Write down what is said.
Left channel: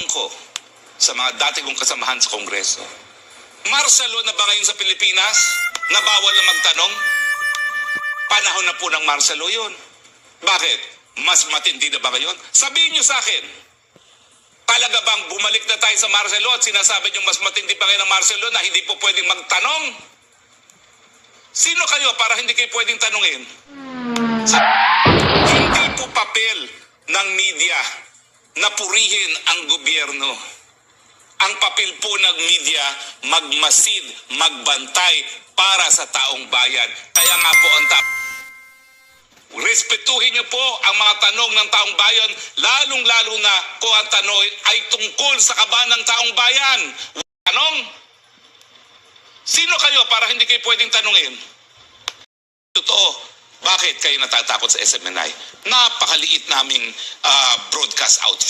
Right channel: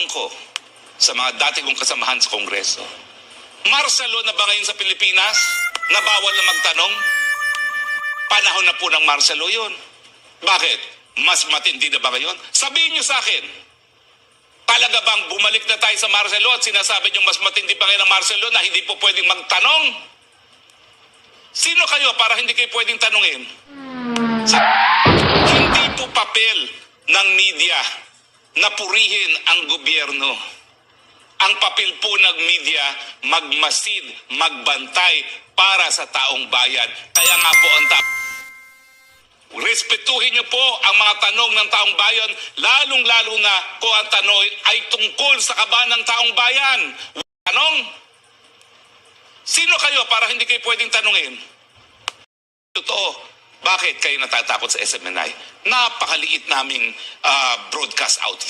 ko sa mga dati kong kasamahan sa Kongreso. Martial law na ba ngayon sa Pilipinas na bawal na magtanong? Panahon na po ng martial law yun. Bakit? Mas matindi na ba ngayon? Sabihin niyo sa akin, talaga bang bumalik na tayo sa martial law at sinasabi niyo mas matindi pa ngayon ang martial law na hindi po pwedeng magtanong? Sino kayo para hindi kayo pwedeng tanungin? Hindi po papel ng media na purihin ang gobyerno. Ang papel po ng media, magmasid, magbantay para sa taong bayan. Kaya nga po ang respetuhin niyo po ang mga tanong ng taong bayan, lalong-lalo na kung ang tanong ay tungkol sa kaban ng taong bayan. Tanong? Sino kayo para hindi kayo pwedeng tanungin? Totoo. Bakit kayo natatakot sa SMNI? Napakaliit naming broadcast outfit.